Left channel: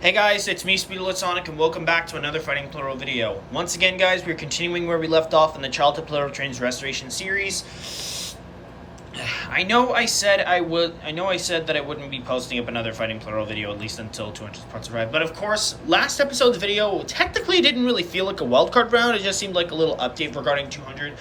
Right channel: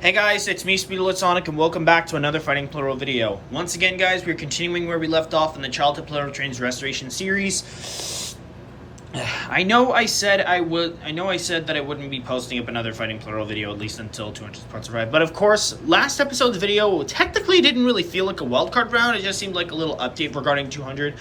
Hey guys, it's me, Sonic, and welcome back to another Fighting Plarail video. Once again, guys, we're continuing where we left off in the Childhood Plarail Trains Restoration series. I know I said that I wouldn't be posting up another Fighting Plarail video at least until 200 parts arrive. But of course, last episode's video technically didn't really feel like a wildcard round. It just seemed like a little update regarding 200.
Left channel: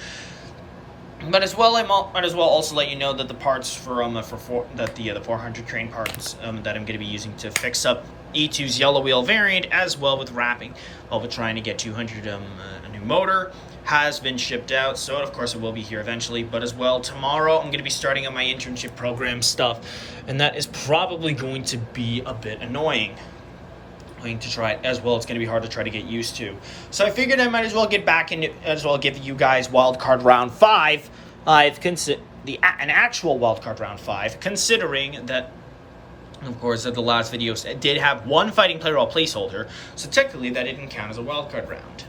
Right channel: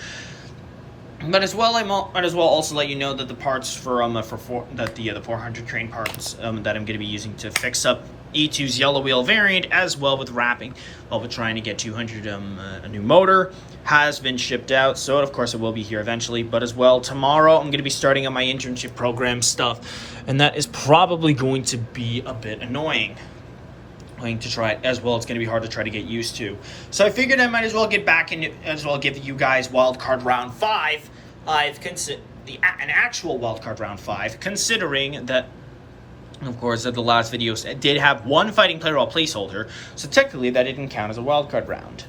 But as well, I might as well also let you know that the parts the 400 train parts that I'm going to be using to fix up E2's yellow wheel variant, as well with wrapping while we're trying to get 200 a new motor, has been shipped out. So of course it will be here eventually. But as well, tomorrow I'm going to be starting on my internship program stuff, and that is probably going to be a bit annoying. To try it as well. It's going to be hard to try to get used to. So I figured I might as well get back and as well give you guys wildcard round 5. An actual wildcard round 5, considering that, of course, that the last video did have one Fighting Plarail placeholder, so technically that didn't count as a wildcard round.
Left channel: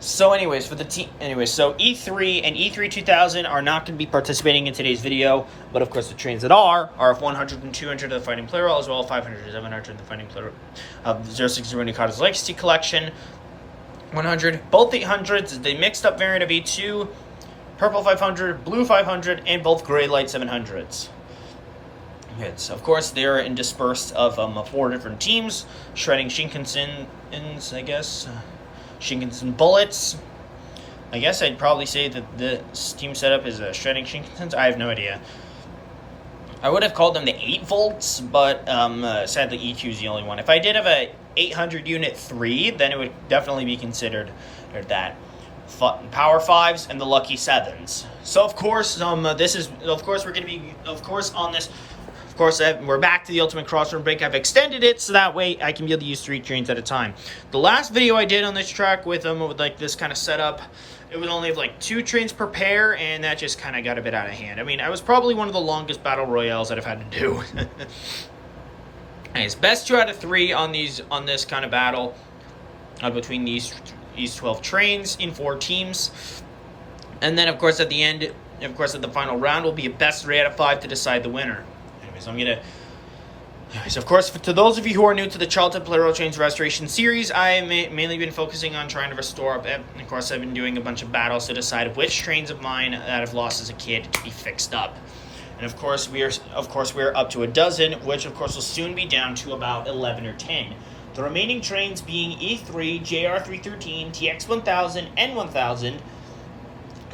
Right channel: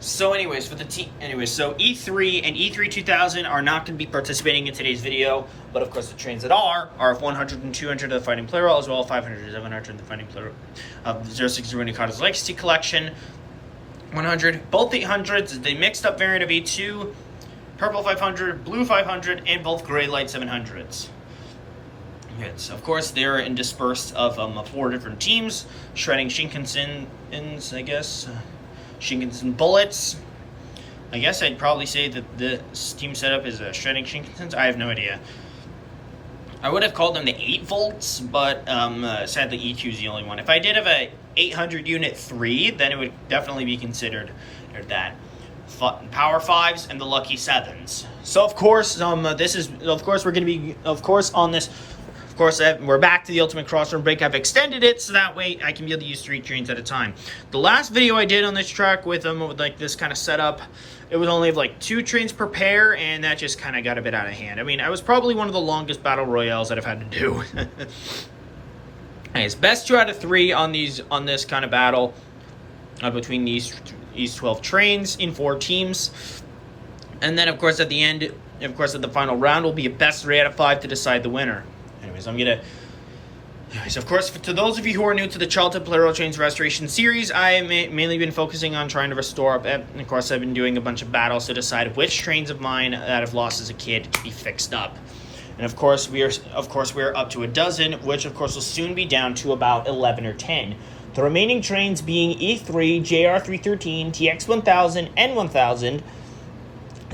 So anyways, so E3 and E3 2000 are not going to be participating in today's video, but of course the trains that are 100 and 200 of the Fighting Plarail, as well as 500 and 700 of the Fighting Plarail of 060 Nikata's Legacy Collection. 100, both 800s, the mixed up variant of E2, purple 500, blue 500, and both gray light 700s. Yes, of course, they're dispersed of 4 different teams, shredding Shinkansens, I guess. Shinkansen bullets. I guess I'd probably say that the team setup is shredding Shinkansens. I have no idea. I would have called them the 8 volts, but sadly E2 is the only one. If I did have a 800 unit 3, then it would definitely be considered that. Power 5s and the lucky 7s. So of course, we're going to be on this. Of course, we're back to the Ultimate Crossroom Break. I've extended it so that way I can be able to use 3 trains at a time. The last video I did on this track with like this kind of setup, it would only have like 2 trains per pair, and that just kind of got a bit out of hand. I mean, I was probably one of the longest battle royales that I've had to do. Anyways, best 2 out of 3 on this kind of battle between these 12 trains in 4 teams. And then, of course, at the end, at the final round, will be a best 3 out of 5 to decide the winner. Of course, to those of you who are new to the Childhood Plarail Trains Restoration series, I've mainly been focusing on trying to restore up. And of course, I've been doing a bunch of battles to decide which trains of mine that I've lost as a kid to be fixed up. And of course, we are up to a dozen, which of course will soon be down to about 11 or 10. The remaining trains being E3, JR313, TX1000, N1000,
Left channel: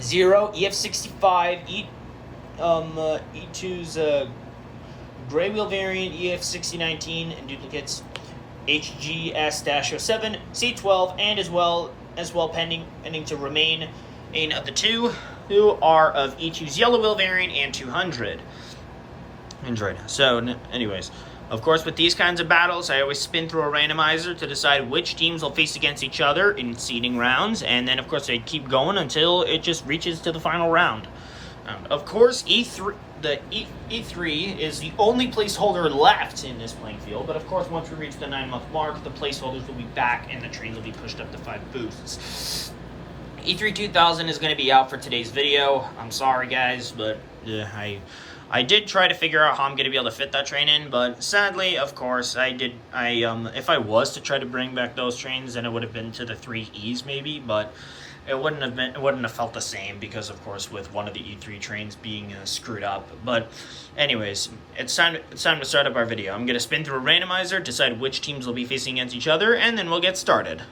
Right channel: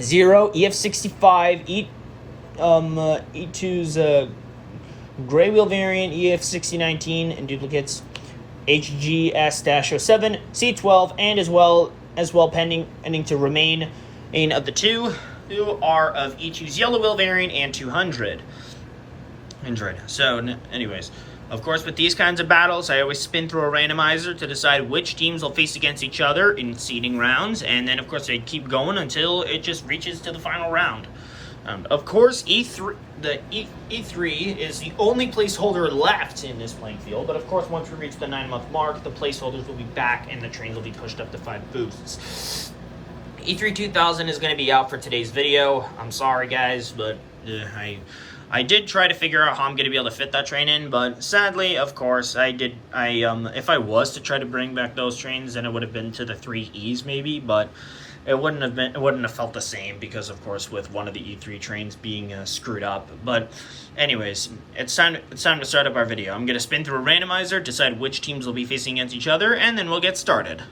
0, EF65, E2's gray wheel variant, EF6019, and duplicates, HGS-07, C12, and as well pending to remain in of the 2 who are of E2's yellow wheel variant and 200. So, anyways, of course, with these kinds of battles, I always spin through a randomizer to decide which teams will face against each other in seeding rounds, and then, of course, they keep going until it just reaches to the final round. Of course, E3 is the only placeholder left in this playing field, but of course, once we reach the 9-month mark, the placeholders will be back and the trains will be pushed up to 5 boosts. E3 2000 is going to be out for today's video. I'm sorry, guys, but I did try to figure out how I'm going to be able to fit that train in, but sadly, of course, if I was to try to bring back those trains, then it would have been to the 3Es maybe, but it wouldn't have felt the same because, of course, with one of the E3 trains being screwed up. But anyways, it's time to start up our video. I'm going to spin through a randomizer, decide which teams will be facing against each other, and then we'll get started.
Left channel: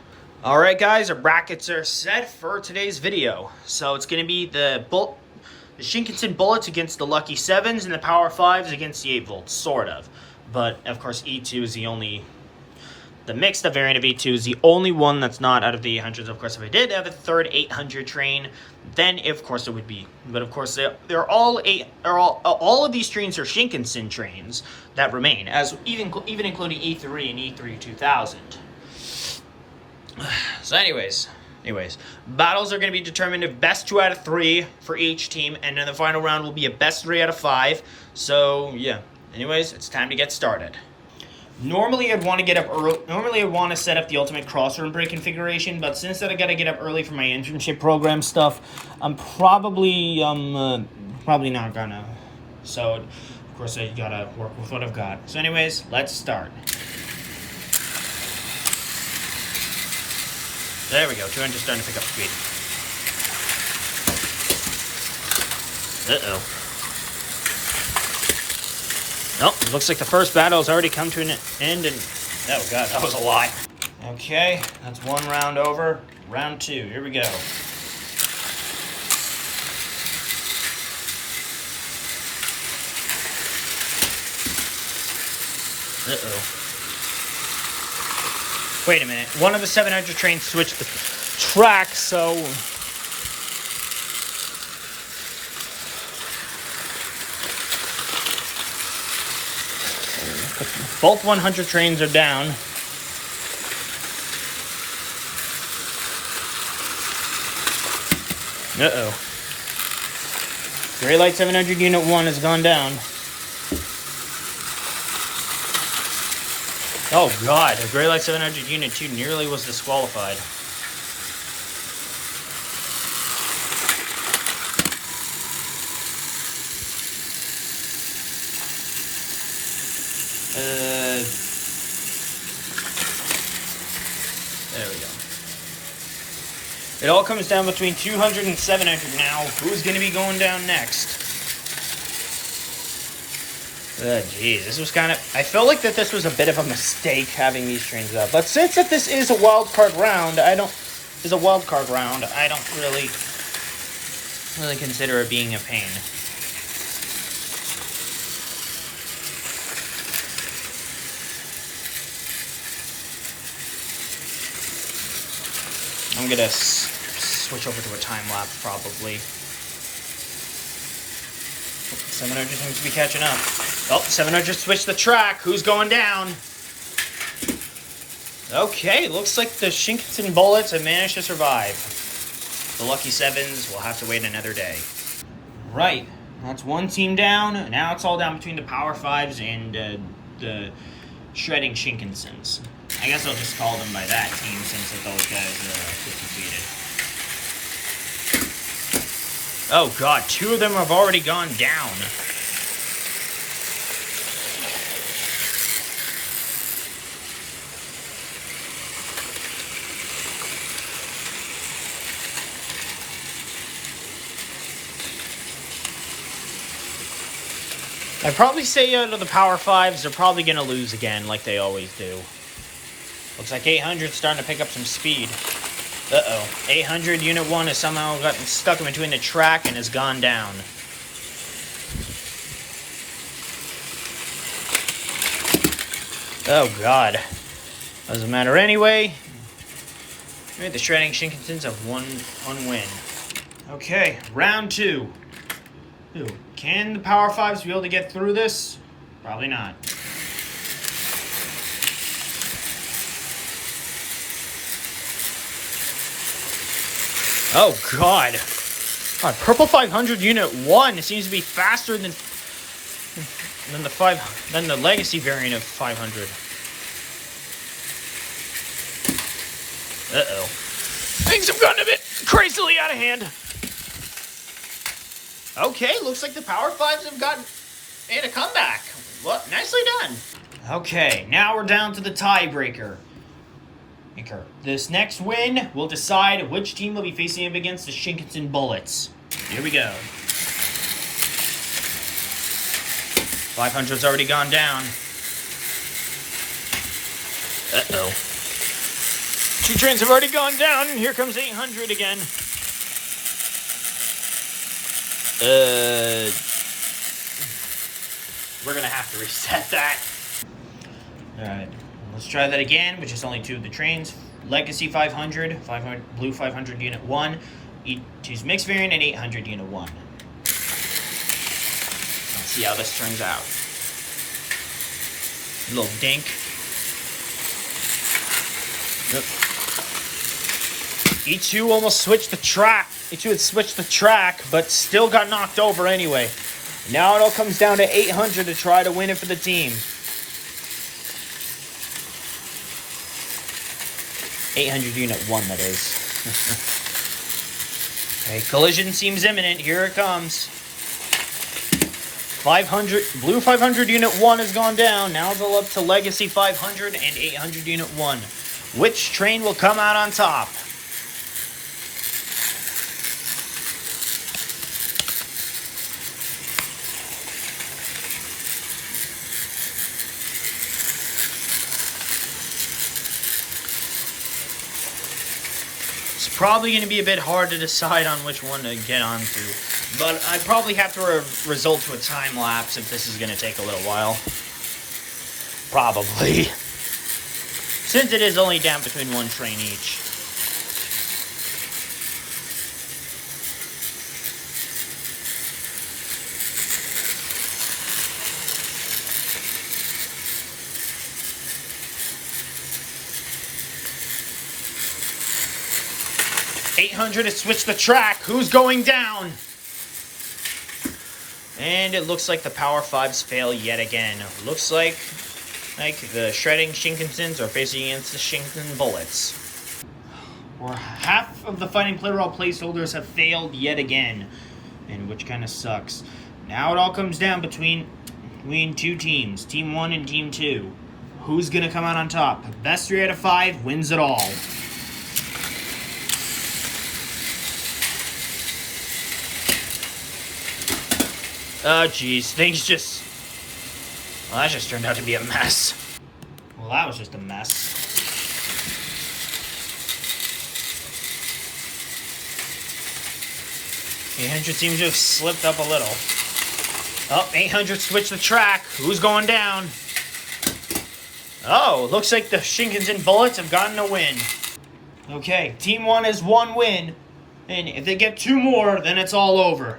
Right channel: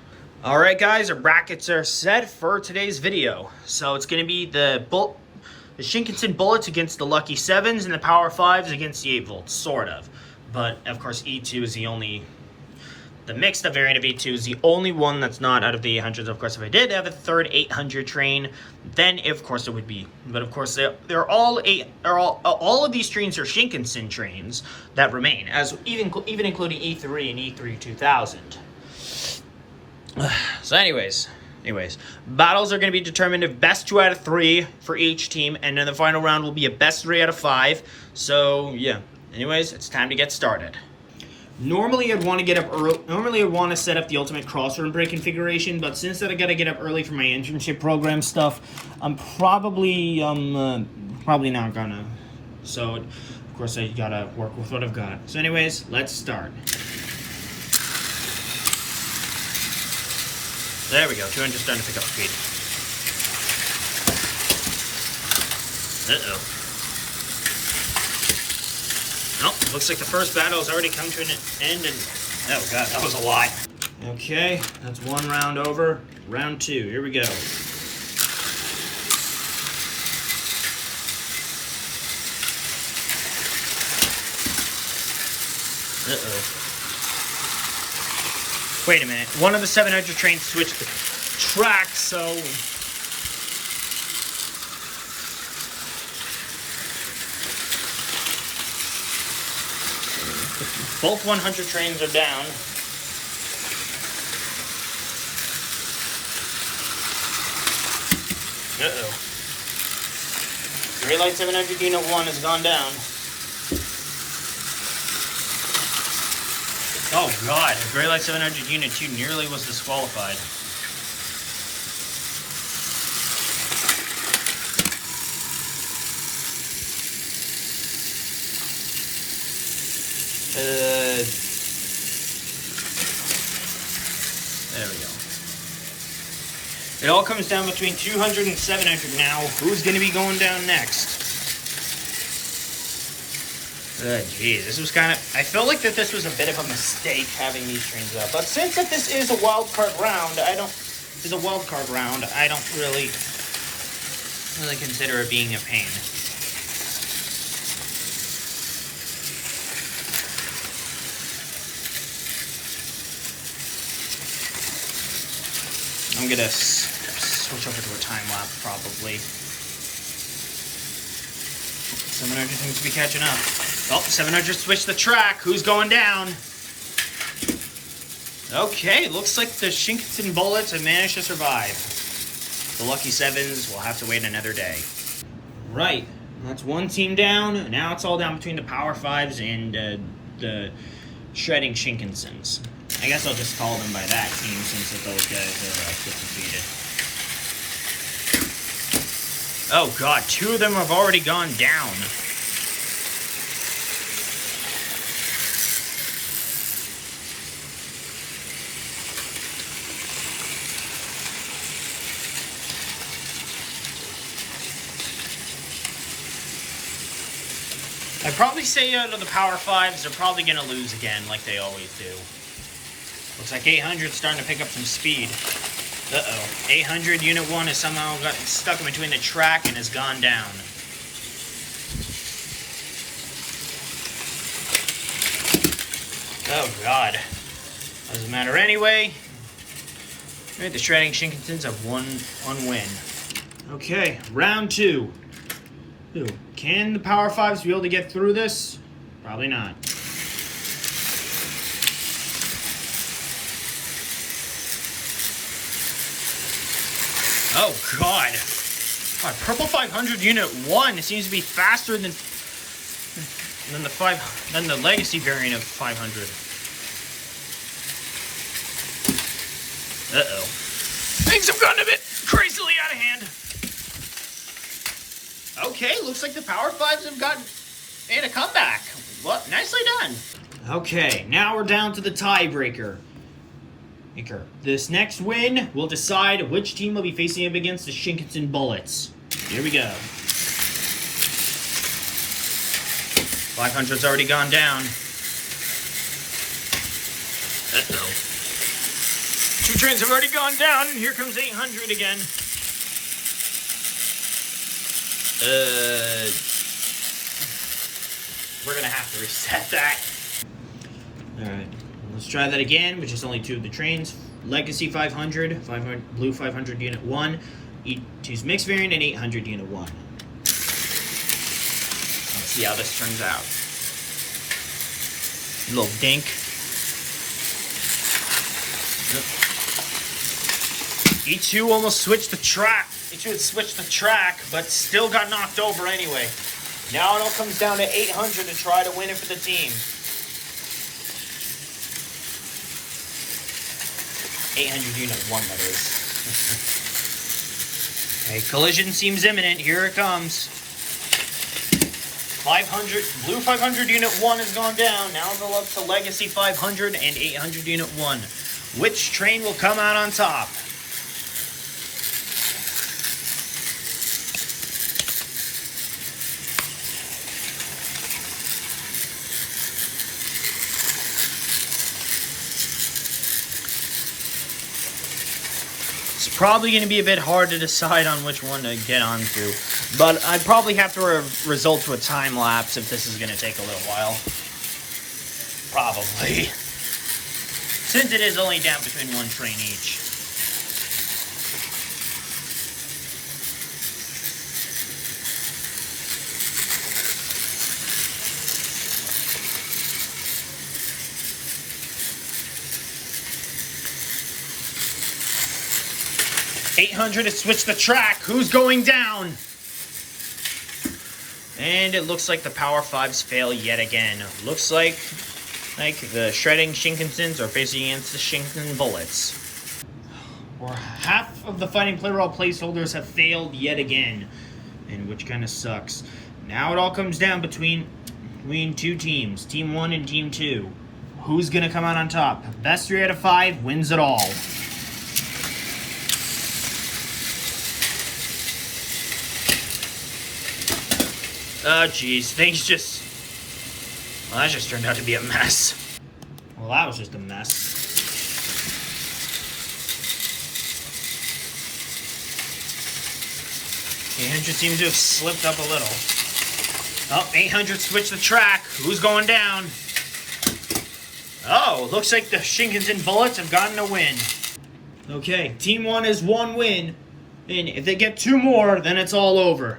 Alright guys, our brackets are set for today's video. So it's going to be the Shinkansen Bullets against the Lucky 7s and the Power 5s against the 8 volts, sort of. But, of course, E2 is the mixed up variant of E2 is the only one that's not out of the 800s. Of course, if I did have a third 800 train, then of course it would be. But of course, all of these trains are Shinkansen trains that remain, as even including E3 and E3 2000. So, anyways, battles are going to be determined of best 2 out of 3 for each team, and then the final round will be a best 3 out of 5. So yeah. Anyways, it's time to get started. Normally, I'd want to get up early. Normally, I'd want to set up the ultimate crossroom break configuration, but since I got to get up early for my internship program stuff, I'm probably not gonna. So Of course, I gotta work with what I've got. So anyways, let's start. There we go, 200 starting to pick up speed. Uh-oh. Nope, looks like the first battle's already come to an end, and oh god, that was a lot. Okay, that's one round over. Round two, here we go. Uh-oh. Wait a minute, one of the 700 trains switched the track, so... Both 100 trains are down. Uh-oh. Gray Light 700 Unit 1 has gone down. Oh god, the Gray Light 700 Unit 2 nearly was disqualified. There we go. It all comes down between 200 and 700 now. Who's going to be going down next? Geez, this was kind of... I felt like that this was a bit of a mistake having these trains up. But since that this is a wild card round, I don't really consider it being a pain. I'm gonna switch over to a time lapse probably. 700 seems to be catching up. Oh, 700 switched the track. Who's going down? Okay, looks like the Shinkansen Bullets have managed to survive. The Lucky Sevens will have to wait another day. Right, that's one team down. Now it's all down between the Power Fives and the Shredding Shinkansens. I guess I'll just call them by that team since those guys are defeated. Oh god, two of them have already gone down. I'd probably say the Power Fives are probably going to lose again like they always do. Looks like 800's starting to pick up some speed. Uh-oh. 800 Unit 1 has somehow gotten stuck in between the track and has gone down. Oh, God. Doesn't matter anyway. The Shredding Shinkansens have one win. Okay, round two. Ooh. Can the Power Fives be able to get through this? Probably not. Oh god. Purple 500 Unit 1 seems to be faster than the Legacy variant of 500. Uh-oh. Things have gotten a bit crazily out of hand. Okay, looks like the Power Fives have made a comeback. Well, nicely done. Okay, now we're down to the tiebreaker. This next win will decide which team will be facing up against the Shinkansen Bullets. Here we go. 500's already gone down. Uh-oh. Two trains have already gone down, and here comes 800 again. We're gonna have to reset that. Alright, let's try that again, which is only two of the trains. Legacy 500, Blue 500 Unit 1, E2's Mixed Variant, and 800 Unit 1. Let's see how this turns out. A little dink. Yep. E2 almost switched the track. E2 had switched the track, but still got knocked over anyway. Now it all comes down to 800 to try to win it for the team. 800 Unit 1, that is. Okay, collision seems imminent. Here it comes. 500, Blue 500 Unit 1 has gone down. Now go up to Legacy 500 and 800 Unit 1. Which train will come out on top? It's probably going to be a bit hard to decide on which one to get onto, but I'd probably have to resort to a time lapse if this is going to take a little while. Probably. Since it is only down between one train each. $800 to switch the track. Who's going down? And it looks like the Power 5s fail yet again. Looks like the shredding Shinkansens are facing against the Shinkansen bullets. Or half of the Fighting Plarail placeholders have failed yet again. And which kind of sucks. Now it all comes down between two teams. Team 1 and Team 2. Who's going to come out on top? Best 3 out of 5 wins it all. Oh, geez. Things just... Well, that just turned out to be a mess. Well, that was just a mess. $800 seems to have slipped up a little. Oh, $800 switched the track. Who's going down? Oh, looks like the Shinkansen Bullets have gotten a win. Okay, Team 1 has 1 win. And if they get 2 more, then it's all over.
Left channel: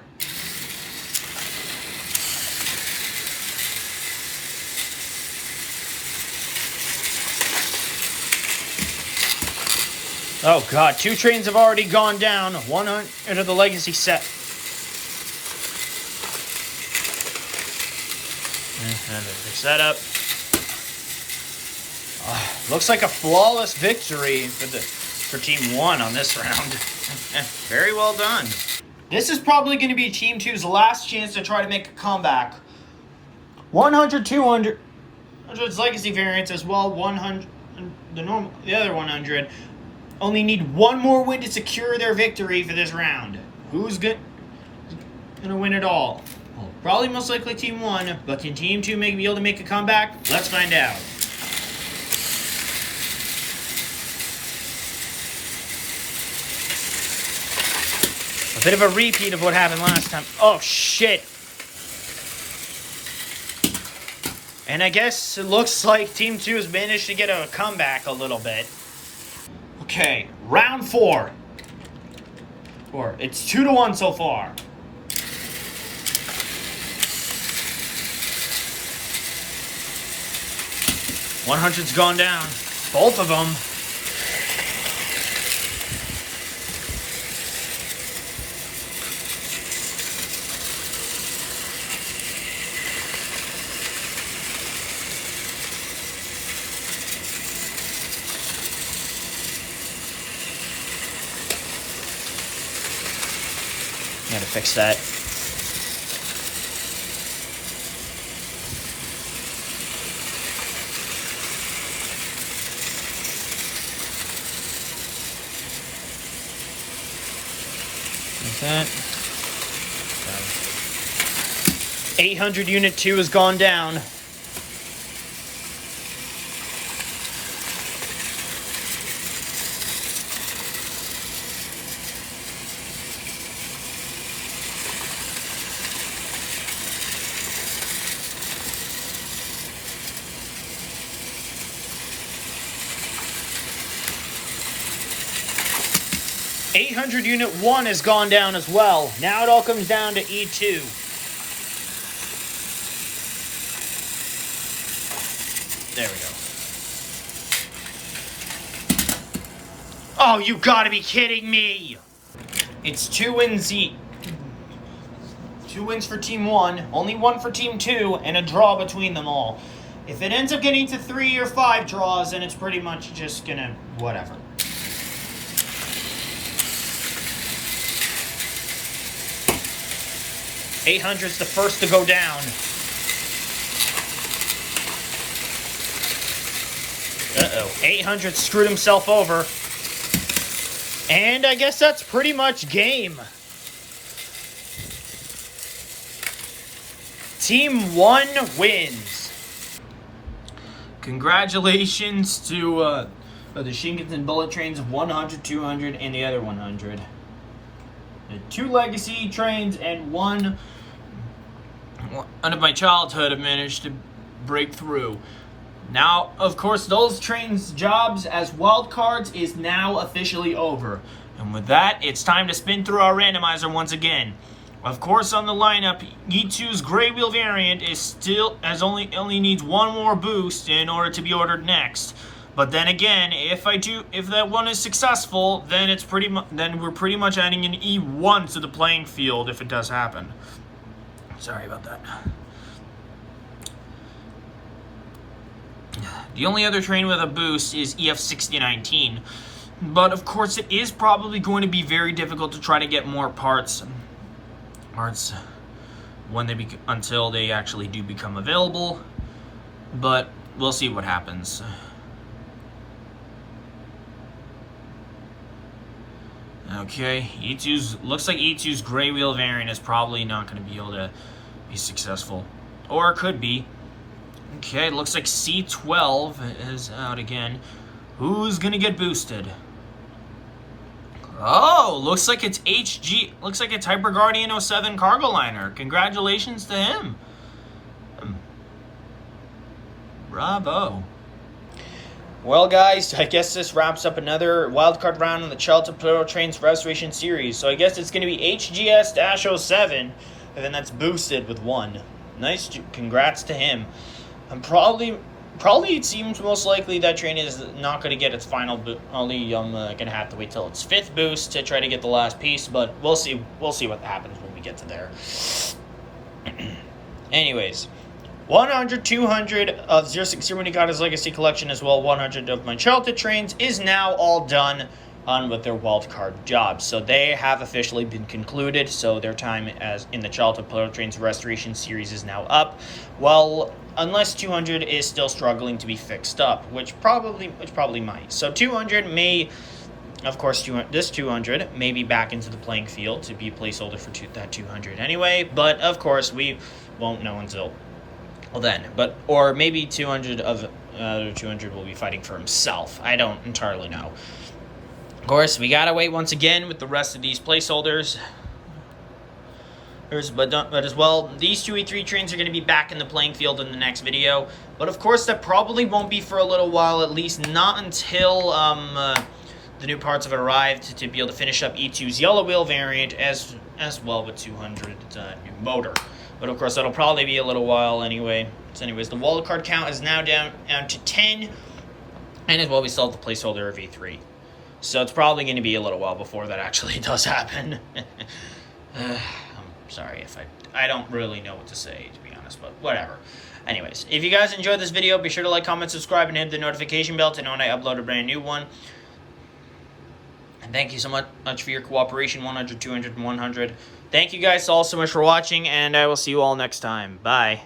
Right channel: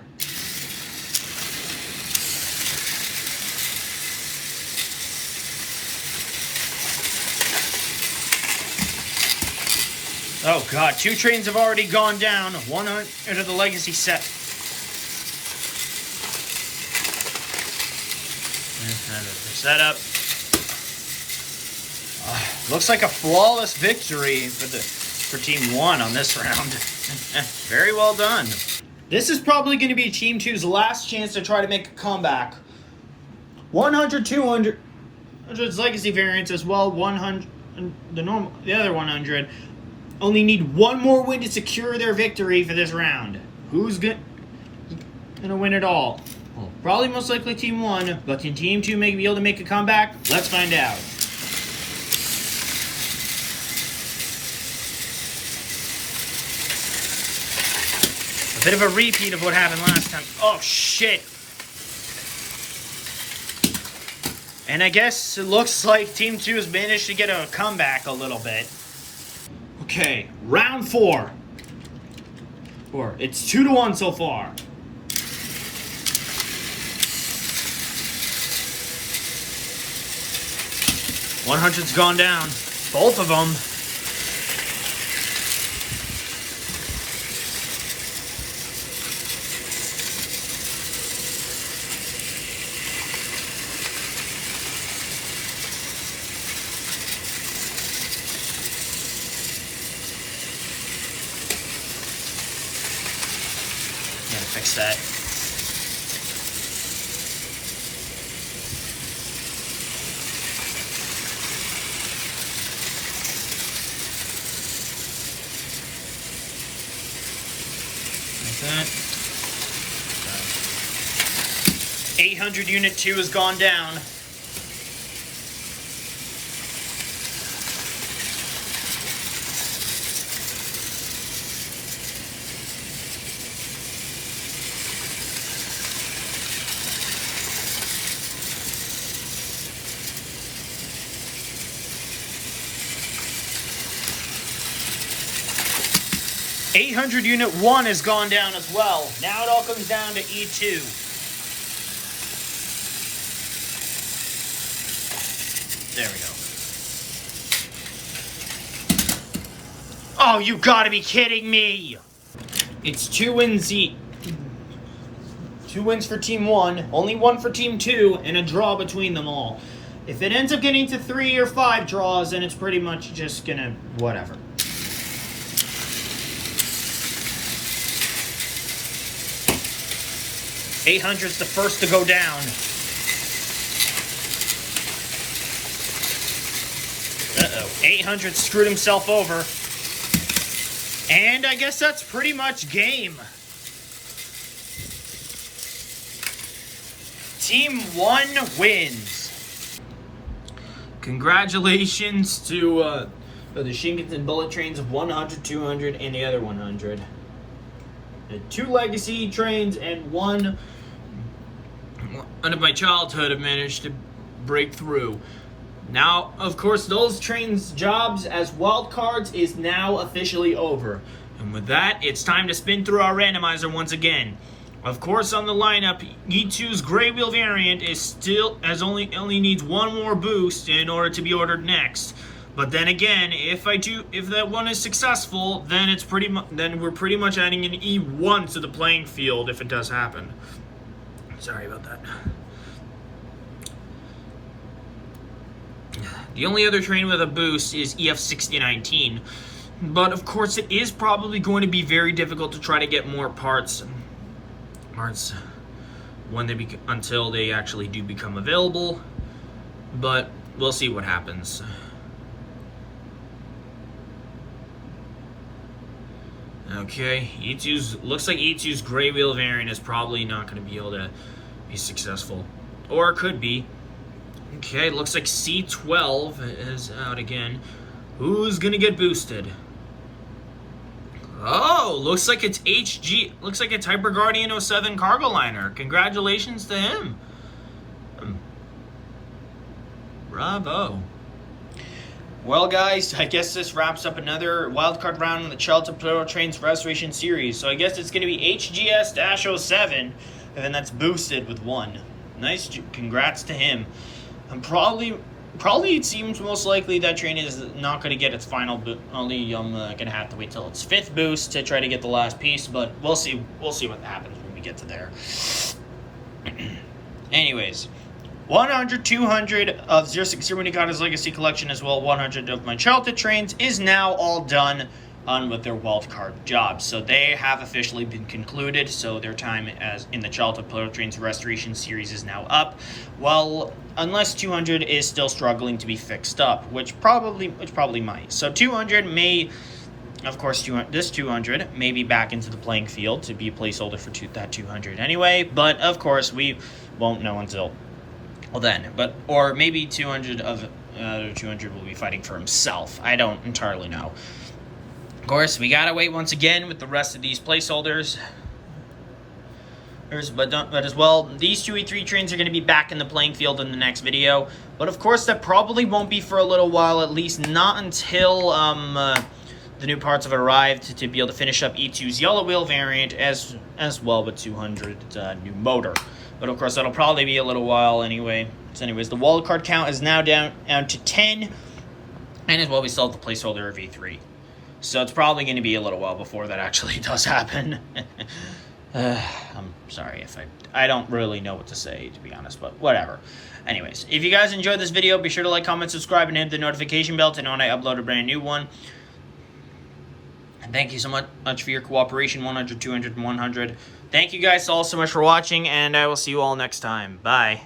Oh god, 2 trains have already gone down. 100 of the Legacy set. Setup. Looks like a flawless victory for Team 1 on this round. Very well done. This is probably going to be Team 2's last chance to try to make a comeback. 100, 200. 100's Legacy variants as well. 100, the other 100. Only need 1 more win to secure their victory for this round. Who's gonna win it all? Well, probably most likely Team 1, but can Team 2 be able to make a comeback? Let's find out. A bit of a repeat of what happened last time. Oh, shit. And I guess it looks like Team 2 has managed to get a comeback a little bit. Okay, round 4. It's 2-1 so far. $100's gone down. Both of them. Gotta fix that. What's that? 800 Unit 2 has gone down. $800 Unit 1 has gone down as well. Now it all comes down to E2. There we go. Oh, you gotta be kidding me! It's 2 wins each. 2 wins for Team 1, only 1 for Team 2, and a draw between them all. If it ends up getting to 3 or 5 draws, then it's pretty much just gonna whatever. 800's the first to go down. Uh-oh. 800 screwed himself over. And I guess that's pretty much game. Team 1 wins. Congratulations to the Shinkansen bullet trains of 100, 200, and the other 100. 2 legacy trains and one of my childhood have managed to break through. Now, of course, those trains' jobs as wild cards is now officially over. And with that, it's time to spin through our randomizer once again. Of course, on the lineup, E2's Gray Wheel variant is still only needs one more boost in order to be ordered next. But then again, if that one is successful, then we're pretty much adding an E1 to the playing field if it does happen. Sorry about that. The only other train with a boost is EF6019, but of course it is probably going to be very difficult to try to get more parts when until they actually do become available. But we'll see what happens. Okay, looks like E2's Gray Wheel variant is probably not going to be able to be successful, or it could be. Okay, looks like C12 is out again. Who's gonna get boosted? Oh, looks like it's HG. Looks like it's Hyper Guardian 07 cargo liner. Congratulations to him. Bravo. Well, guys, I guess this wraps up another wildcard round in the Childhood Plarail Trains Restoration Series. So I guess it's going to be HGS-07, and then that's boosted with 1. Nice, congrats to him. Probably it seems most likely that train is not going to get its final boost. Probably I'm going to have to wait till its 5th boost to try to get the last piece, but we'll see what happens when we get to there. Anyways, 100, 200 of 060 Minigata's Legacy Collection, as well 100 of my childhood trains, is now all done on with their wildcard jobs. So they have officially been concluded, so their time as in the Childhood Plarail Trains Restoration Series is now up. Well, unless 200 is still struggling to be fixed up, which probably might. So 200 may, of course, this 200 may be back into the playing field to be a placeholder for that 200 anyway, but of course we won't know until then. But or maybe 200 of 200 will be fighting for himself. I don't entirely know. Of course, we gotta wait once again with the rest of these placeholders. But as well, these 2 E3 trains are going to be back in the playing field in the next video. But of course, that probably won't be for a little while, at least not until the new parts have arrived to be able to finish up E2's Yellow Wheel variant as well with 200's new motor. But of course, that'll probably be a little while anyway. So anyways, the wildcard count is now down to 10. And as well, we still have the placeholder of E3. So it's probably going to be a little while before that actually does happen. I'm sorry if I don't really know what to say, to be honest, but whatever. Anyways, if you guys enjoyed this video, be sure to like, comment, subscribe, and hit the notification bell to know when I upload a brand new one. And thank you so much for your cooperation, 100, 200, and 100. Thank you guys all so much for watching, and I will see you all next time. Bye.